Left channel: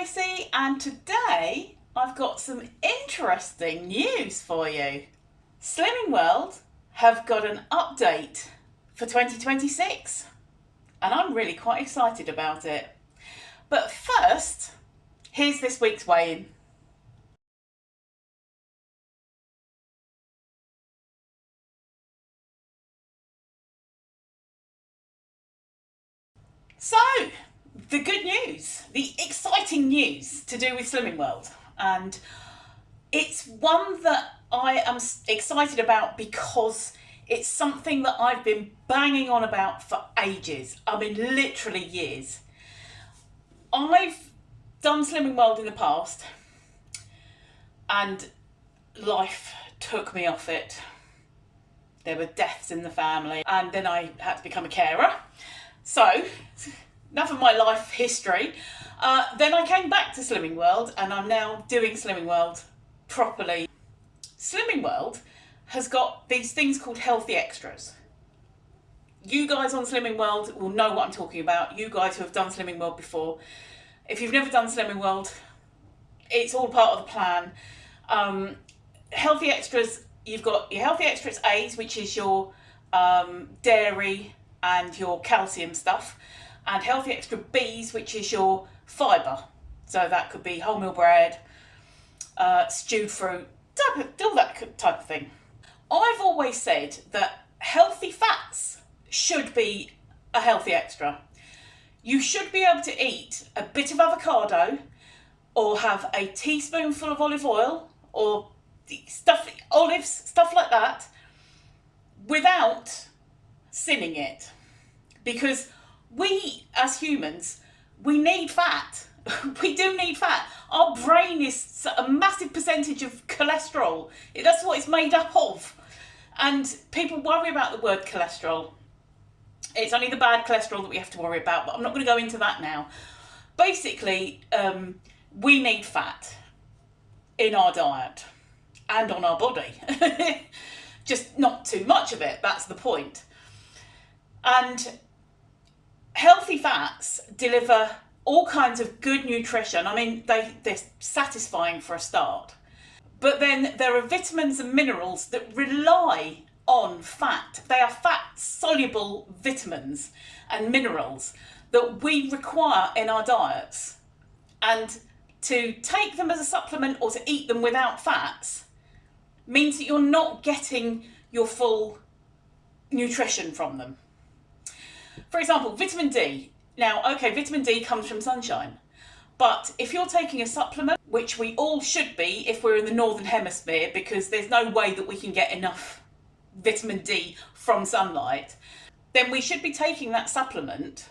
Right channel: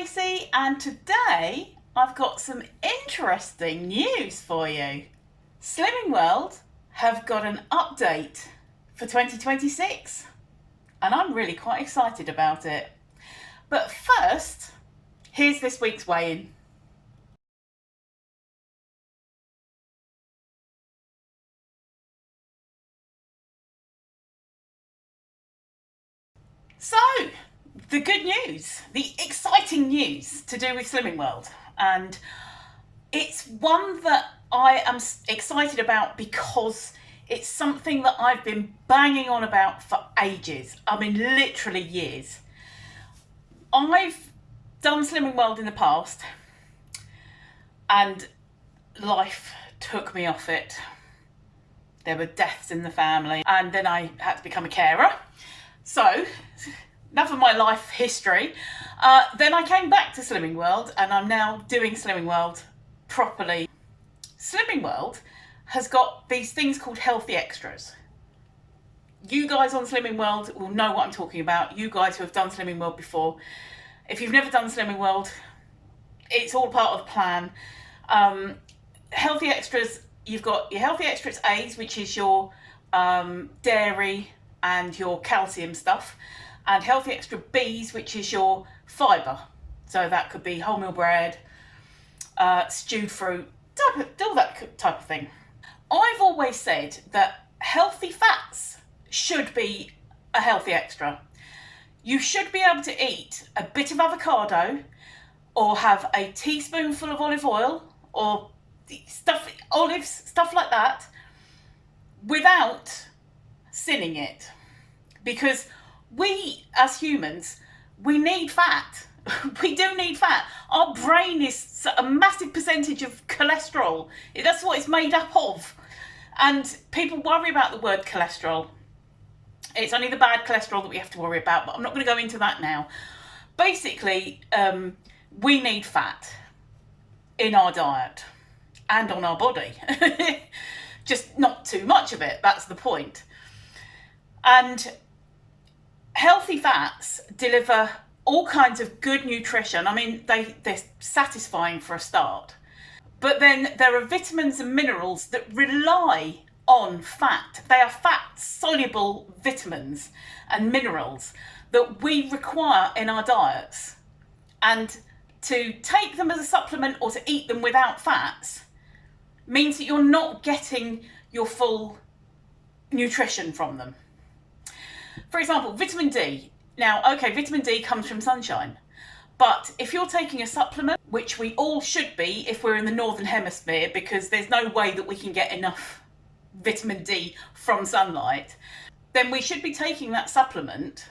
Tracy, and today I've got some interesting news for you. Slimming World have got an update for 2026 and I'm really quite excited about it. But first, here's this week's weigh-in. So, the good news, the exciting news to do with Slimming World, and it's one that I am excited about because it's something that I've been banging on about for ages. I mean, literally years. I've done Slimming World in the past and life took me off it. There were deaths in the family and then I had to become a carer. So, enough of my life history. Then I came back to Slimming World and I'm now doing Slimming World properly. Slimming World has got these things called healthy extras. You guys on Slimming World will know what I'm talking about. You guys who have done Slimming World before. If you've never done Slimming World, it's all part of the plan. Healthy extras, you've got your healthy extras A's, which is your dairy and your calcium stuff, and healthy extra B's, which is your fibre. So that could be wholemeal bread, stewed fruit, all that type of thing. I've always said that healthy fats should be a healthy extra. You should be able to eat a bit of avocado or have a teaspoonful of olive oil or olives, stuff like that, without sinning it. Because we, as humans, we need fat. We do need fat. Our brain is a massive percentage of cholesterol. That's what it's made up of. And people worry about the word cholesterol. It's only the bad cholesterol that we have to worry about, but I'm not going to go into that now. Basically, we need fat in our diet and on our body. Just not too much of it, that's the point. And healthy fats deliver all kinds of good nutrition. I mean, they're satisfying for a start. But then there are vitamins and minerals that rely on fat. They are fat-soluble vitamins and minerals that we require in our diets. And to take them as a supplement or to eat them without fats means that you're not getting your full nutrition from them. For example, vitamin D. Now, okay, vitamin D comes from sunshine. But if you're taking a supplement, which we all should be if we're in the Northern Hemisphere, because there's no way that we can get enough vitamin D from sunlight, then we should be taking that supplement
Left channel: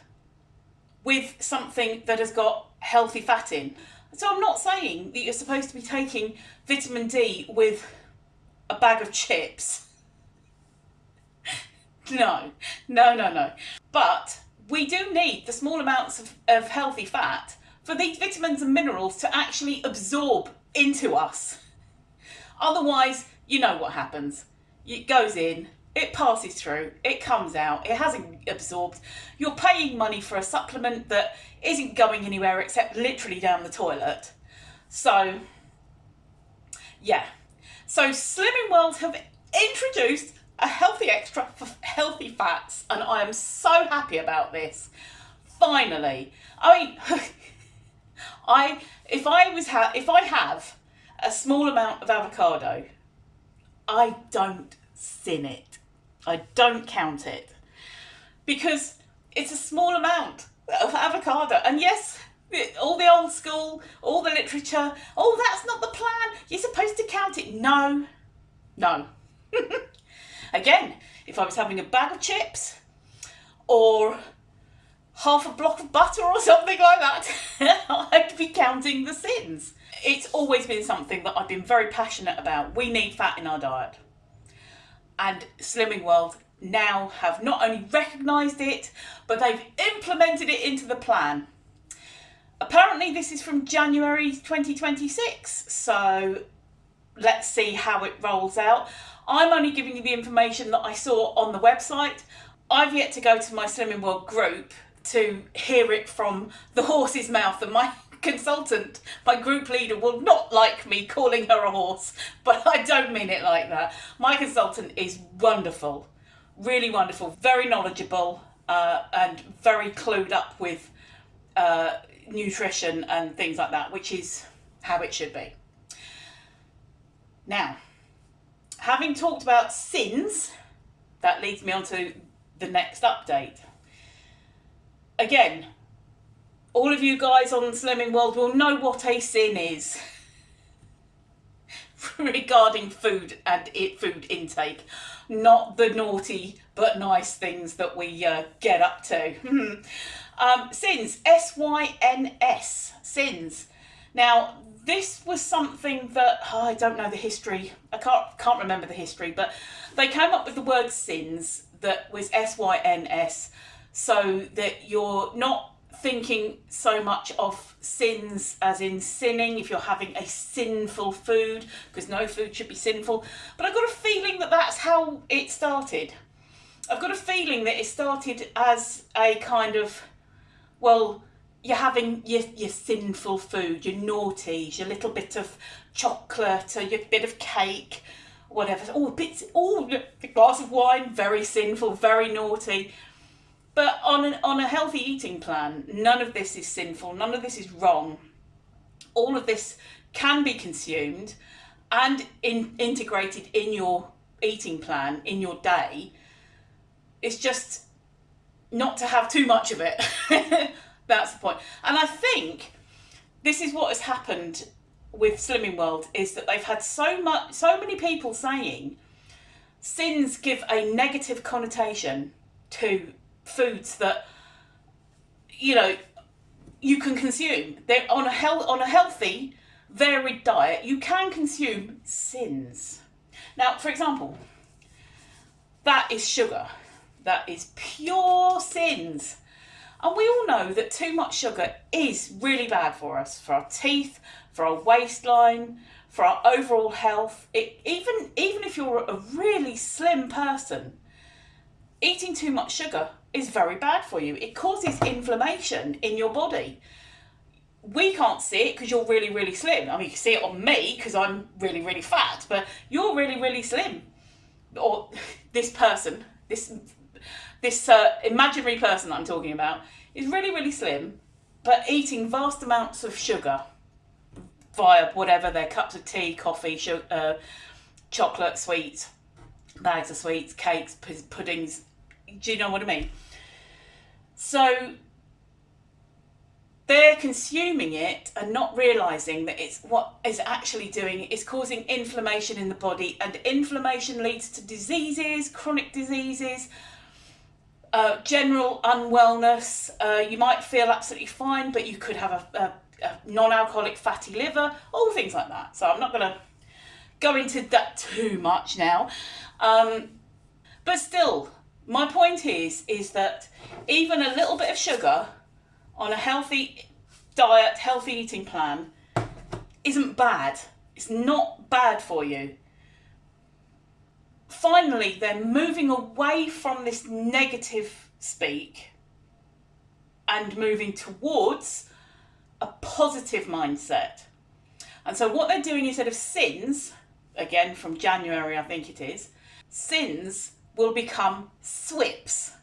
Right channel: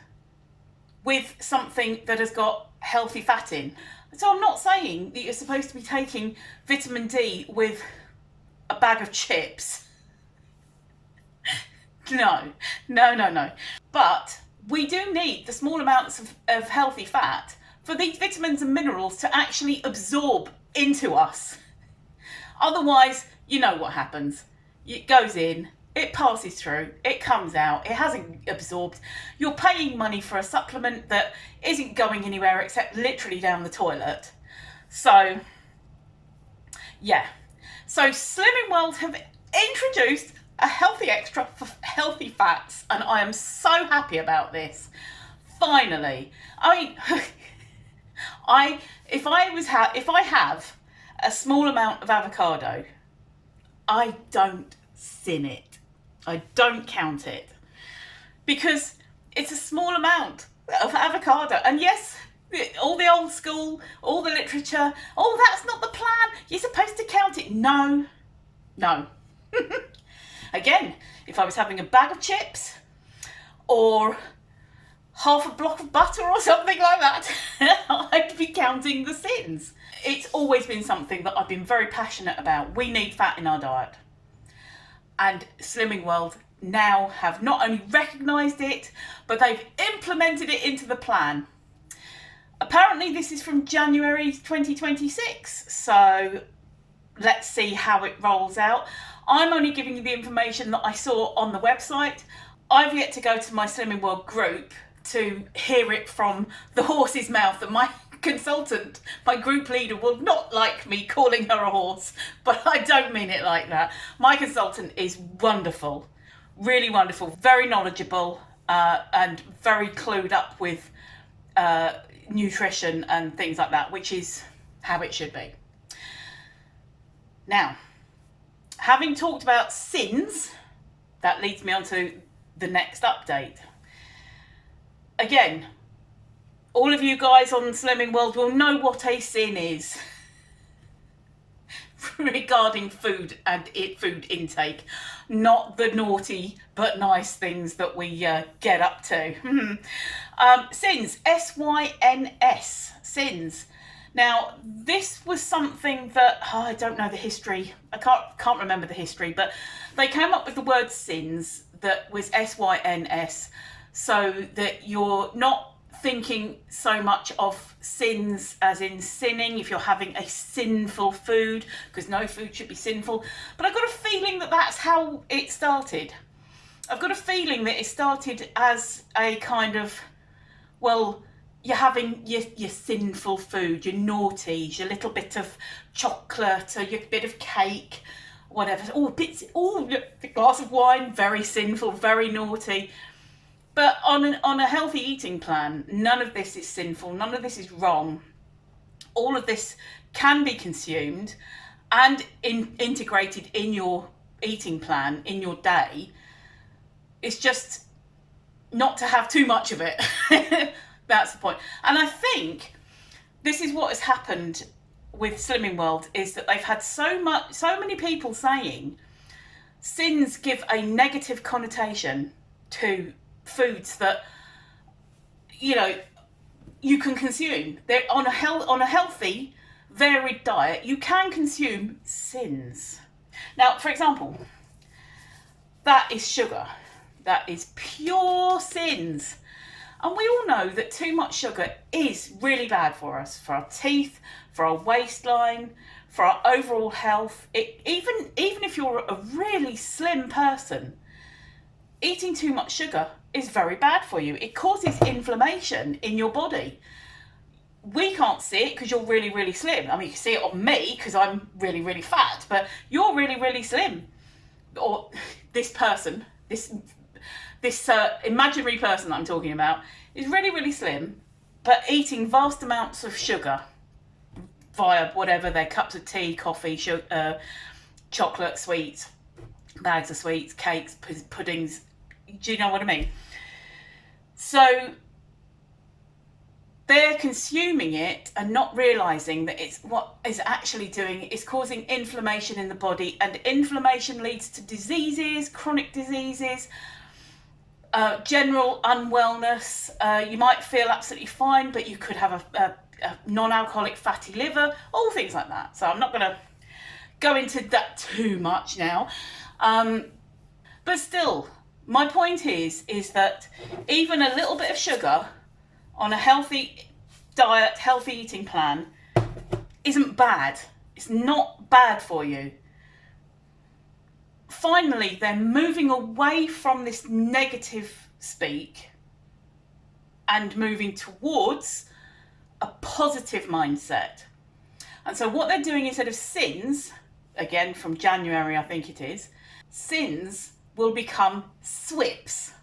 with something that has got healthy fat in. So I'm not saying that you're supposed to be taking vitamin D with a bag of chips. No. But we do need the small amounts of healthy fat for these vitamins and minerals to actually absorb into us. Otherwise, you know what happens. It goes in, it passes through, it comes out, it hasn't absorbed. You're paying money for a supplement that isn't going anywhere except literally down the toilet. So, yeah. So Slimming World have introduced a healthy extra for healthy fats, and I am so happy about this. Finally. I mean, if I have a small amount of avocado, I don't sin it. I don't count it. Because it's a small amount of avocado. And yes, all the old school, all the literature, oh, that's not the plan. You're supposed to count it. No. Again, if I was having a bag of chips or half a block of butter or something like that, I'd be counting the sins. It's always been something that I've been very passionate about. We need fat in our diet. And Slimming World now have not only recognised it, but they've implemented it into the plan. Apparently this is from January 2026, so let's see how it rolls out. I'm only giving you the information that I saw on the website. I've yet to go to my Slimming World group to hear it from the horse's mouth that my consultant, my group leader, will not like me calling her a horse, but I don't mean it like that. My consultant is wonderful, really wonderful, very knowledgeable, and very clued up with nutrition and things like that, which is how it should be. Now, having talked about sins, that leads me on to the next update. Again, all of you guys on Slimming World will know what a sin is regarding food and food intake, not the naughty but nice things that we get up to. Sins, S-Y-N-S, sins. Now, this was something that, I don't know the history, I can't remember the history, but they came up with the word sins that was S-Y-N-S, so that you're not thinking so much of sins as in sinning, if you're having a sinful food, because no food should be sinful. But I've got a feeling that that's how it started. I've got a feeling that it started as a kind of, well, you're having your sinful food, your naughties, your little bit of chocolate or your bit of cake, whatever. A glass of wine, very sinful, very naughty. But on a healthy eating plan, none of this is sinful, none of this is wrong. All of this can be consumed and integrated in your eating plan, in your day. It's just not to have too much of it. That's the point. And I think this is what has happened with Slimming World, is that they've had so many people saying sins give a negative connotation to foods that, you know, you can consume. They're on a healthy, varied diet, you can consume sins. Now, for example, that is sugar. That is pure sins. And we all know that too much sugar is really bad for us, for our teeth, for our waistline, for our overall health. Even if you're a really slim person, eating too much sugar is very bad for you. It causes inflammation in your body. We can't see it because you're really, really slim. I mean, you can see it on me because I'm really, really fat, but you're really, really slim. Or this person, this imaginary person that I'm talking about, is really, really slim, but eating vast amounts of sugar via whatever their cups of tea, coffee, chocolate, sweets, bags of sweets, cakes, puddings. Do you know what I mean? So they're consuming it and not realising that it's what is actually doing is causing inflammation in the body, and inflammation leads to diseases, chronic diseases, general unwellness. You might feel absolutely fine, but you could have a non-alcoholic fatty liver, all things like that. So I'm not going to go into that too much now. But still, my point is that even a little bit of sugar on a healthy diet, healthy eating plan isn't bad. It's not bad for you. Finally, they're moving away from this negative speak and moving towards a positive mindset. And so what they're doing, instead of sins, again from January I think it is, sins will become SWIPs.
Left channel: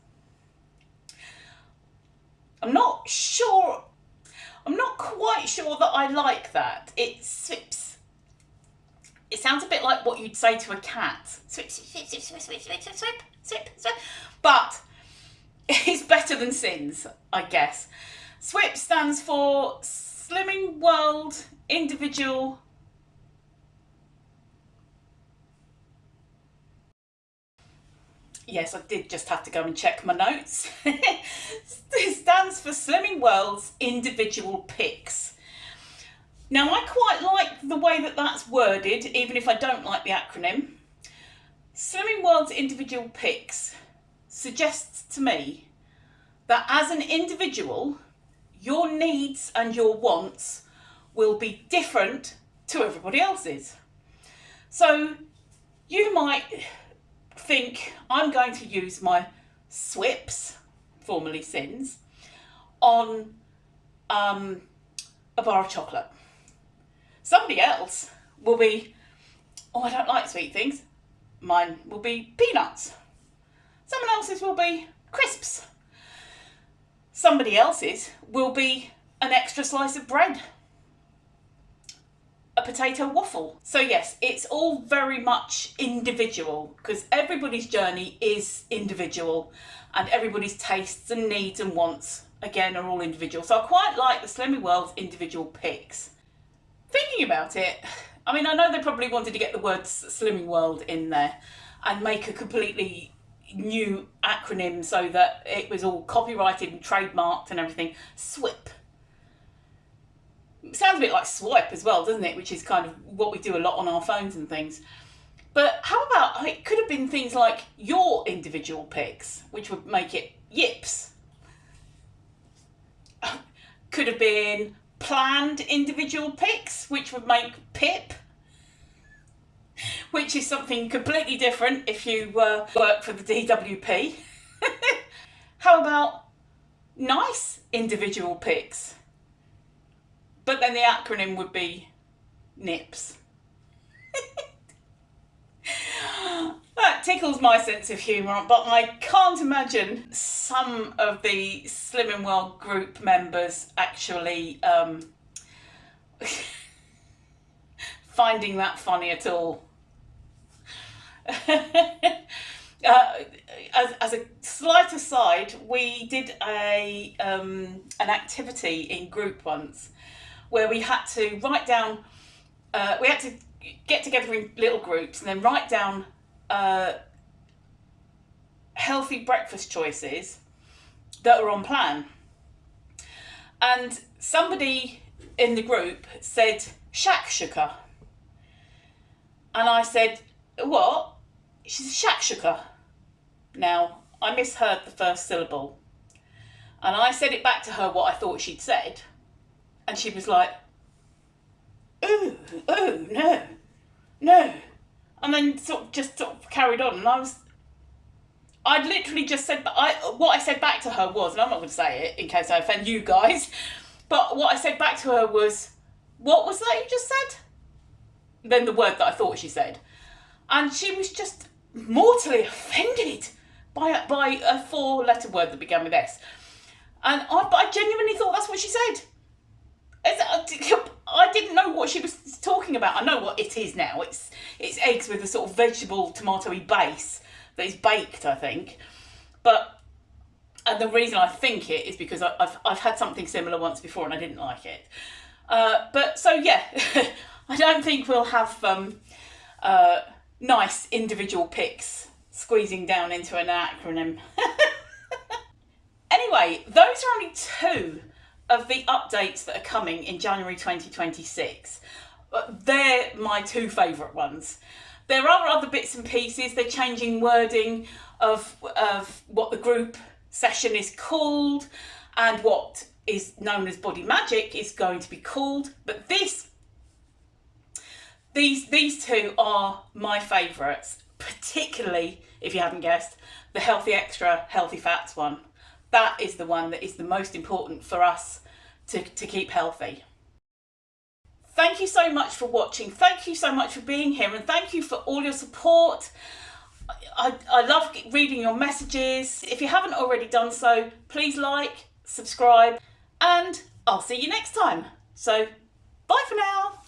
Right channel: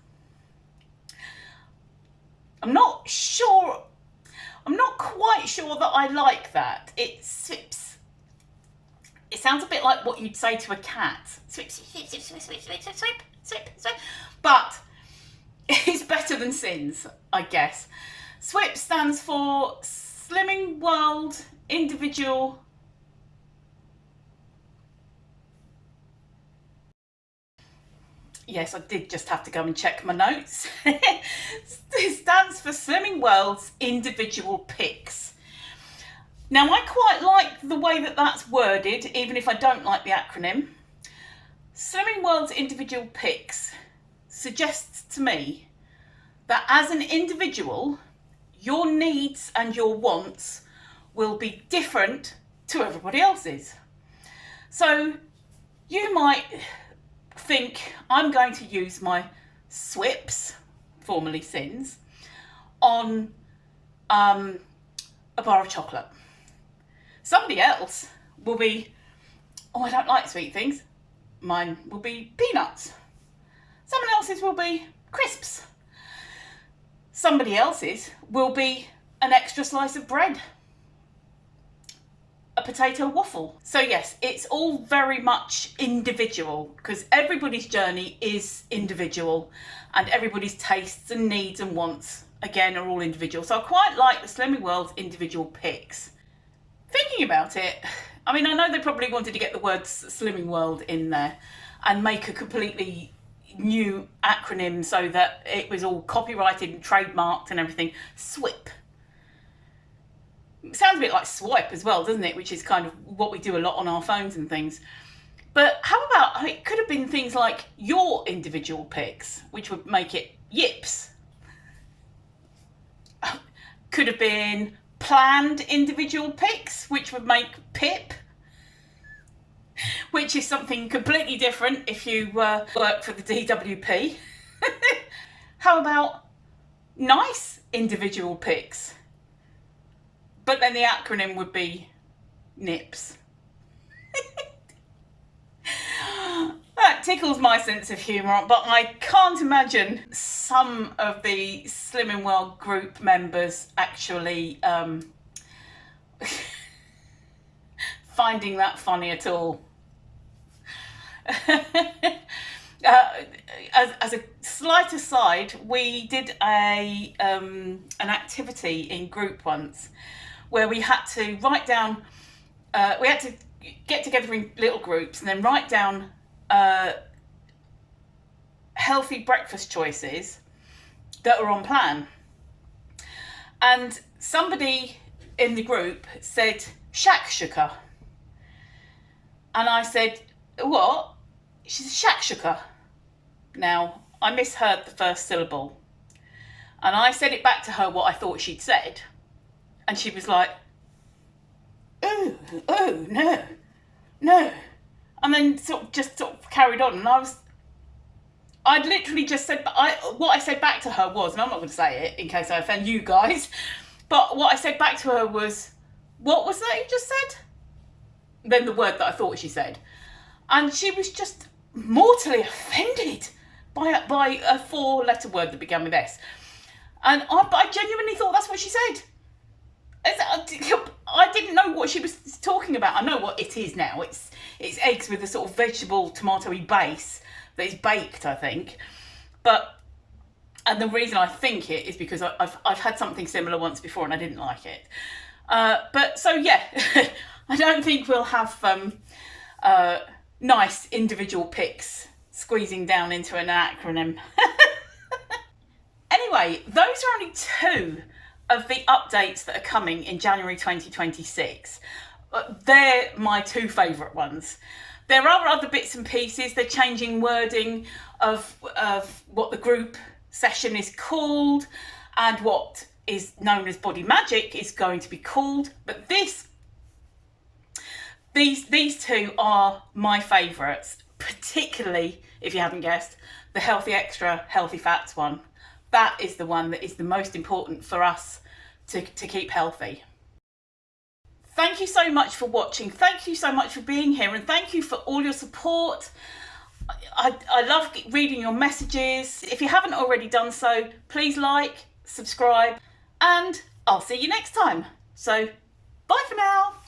I'm not quite sure that I like that. It's SWIPs. It sounds a bit like what you'd say to a cat. Swip, swip, swip, swip, swip, swip, swip, swip, swip, swip. But it's better than sins, I guess. SWIP stands for Slimming World Individual. Yes, I did just have to go and check my notes. It stands for Slimming World's Individual Picks. Now, I quite like the way that that's worded, even if I don't like the acronym. Slimming World's Individual Picks suggests to me that as an individual, your needs and your wants will be different to everybody else's. So you might think, I'm going to use my SWIPs, formerly sins, on a bar of chocolate. Somebody else will be, oh, I don't like sweet things. Mine will be peanuts. Someone else's will be crisps. Somebody else's will be an extra slice of bread. A potato waffle. So yes, it's all very much individual because everybody's journey is individual and everybody's tastes and needs and wants, again, are all individual. So I quite like the Slimming World's individual picks. Thinking about it, I mean, I know they probably wanted to get the words Slimming World in there and make a completely new acronym so that it was all copyrighted and trademarked and everything. SWIP. It sounds a bit like swipe as well, doesn't it? Which is kind of what we do a lot on our phones and things. But how about, it could have been things like your individual picks, which would make it yips. Could have been planned individual picks, which would make pip. Which is something completely different if you work for the DWP. How about nice individual picks? But then the acronym would be NIPS. That tickles my sense of humour, but I can't imagine some of the Slimming World group members actually finding that funny at all. As a slight aside, we did an activity in group once where we had to write down, we had to get together in little groups and then write down healthy breakfast choices that are on plan. And somebody in the group said shakshuka. And I said, what? She said shakshuka. Now, I misheard the first syllable. And I said it back to her what I thought she'd said. And she was like, oh, no. And then sort of carried on. And I'd literally just said, what I said back to her was, and I'm not going to say it in case I offend you guys, but what I said back to her was, what was that you just said? Then the word that I thought she said. And she was just mortally offended by a 4-letter word that began with S. And I genuinely thought that's what she said. I didn't know what she was talking about. I know what it is now. It's eggs with a sort of vegetable tomatoey base that is baked, I think. And the reason I think it is because I've had something similar once before and I didn't like it. But so yeah, I don't think we'll have nice individual picks squeezing down into an acronym. Anyway, those are only 2 of the updates that are coming in January 2026. They're my 2 favourite ones. There are other bits and pieces. They're changing wording of what the group session is called and what is known as Body Magic is going to be called. But these 2 are my favourites, particularly, if you haven't guessed, the Healthy Extra Healthy Fats one. That is the one that is the most important for us to keep healthy. Thank you so much for watching. Thank you so much for being here, and thank you for all your support. I love reading your messages. If you haven't already done so, please like, subscribe, and I'll see you next time. So, bye for now.